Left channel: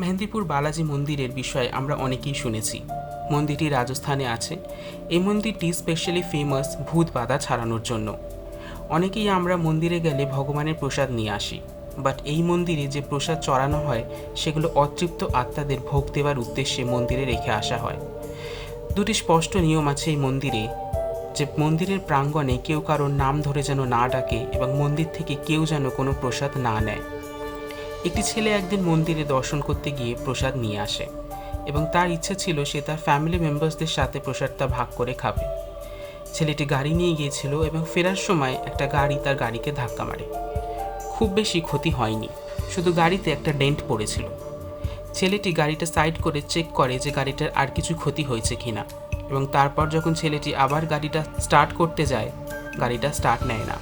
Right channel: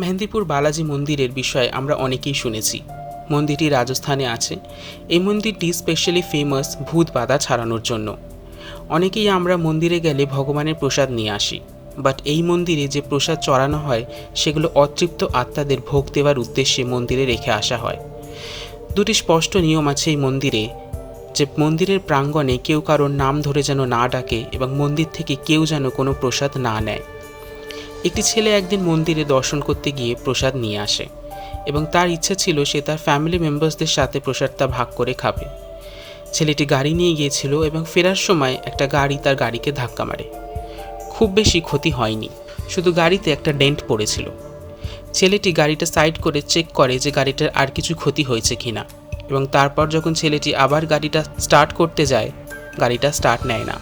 মেহেন্দিপুর বালাজি মন্দিরের বিষয়ে আমরা অনেকেই শুনেছি। মন্দিরটি রাজস্থানে আছে। এই মন্দিরটি স্পেশালি ফেমাস ভূত বাধা ছাড়ানোর জন্য। অনেকেই আমরা মন্দিরে গেলে ভগবানের প্রসাদ নিয়ে আসি, বাট এই মন্দিরে যে প্রসাদ চড়ানো হয় সেগুলো অতৃপ্ত আত্মাদের ভোগ দেওয়ার উদ্দেশ্যে মন্দিরে রেখে আসা হয়। দুটি স্পষ্ট নিয়ম আছে এই মন্দিরে, যে মন্দিরের প্রাঙ্গণে কেউ কারোর নাম ধরে যেন না ডাকে এবং মন্দির থেকে কেউ যেন কোনো প্রসাদ না নেয়। একটি ছেলে একদিন মন্দিরে দর্শন করতে গিয়ে প্রসাদ নিয়ে আসে এবং তার ইচ্ছে ছিল সে তার ফ্যামিলি মেম্বার্সদের সাথে প্রসাদটা ভাগ করে খাবে। ছেলেটি গাড়ি নিয়ে গিয়েছিল এবং ফেরার সময় একটা গাড়ি তার গাড়িকে ধাক্কা মারে। খুব বেশি ক্ষতি হয়নি, শুধু গাড়িতে একটা ডেন্ট পড়েছিল। ছেলেটি গাড়িটা সাইড করে চেক করে যে গাড়িটার আর কিছু ক্ষতি হয়েছে কিনা, এবং তারপর যখন ছেলেটি আবার গাড়িটা স্টার্ট করতে যায়, গাড়িটা স্টার্ট নেয় না।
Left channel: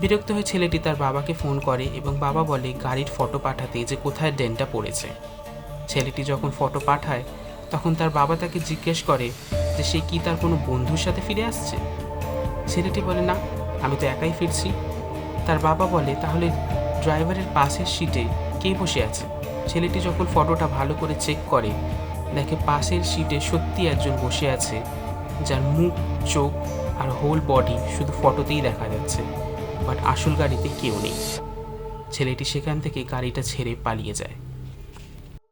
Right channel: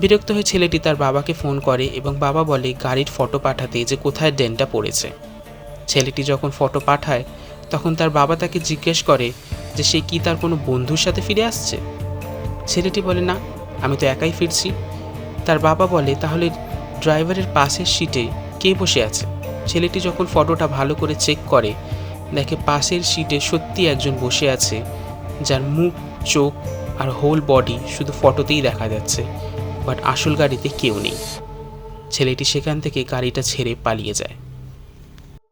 বিরক্ত হয়ে ছেলেটি তার বাবাকে ফোন করে এবং বাবা বলে গাড়ির ফটো পাঠাতে, যে কোথায় ডেন্টটা পড়েছে। ছেলেটি যখন ফটো পাঠায় তখন তার বাবা তাকে জিজ্ঞেস করে যে সে কি তার কোনো বন্ধুর সাথে ফিরে আসছে। ছেলেটি বলে না, আমি তো একাই ফিরছি। তার বাবা বলে তাহলে ড্রাইভারের পাশের সিটে কে বসে আছে। ছেলেটি যখন ফটোটা ভালো করে চেক করে দেখে পাশের সিটে সত্যি একজন বসে আছে, যার মুখ, চোখ আর হোল বডি শুধু ফটোতেই দেখা যাচ্ছে, বাট আসল গাড়িতে কেউ নেই। ছেলেটি সেখান থেকে গাড়িটা ছেড়ে পালিয়ে যায়।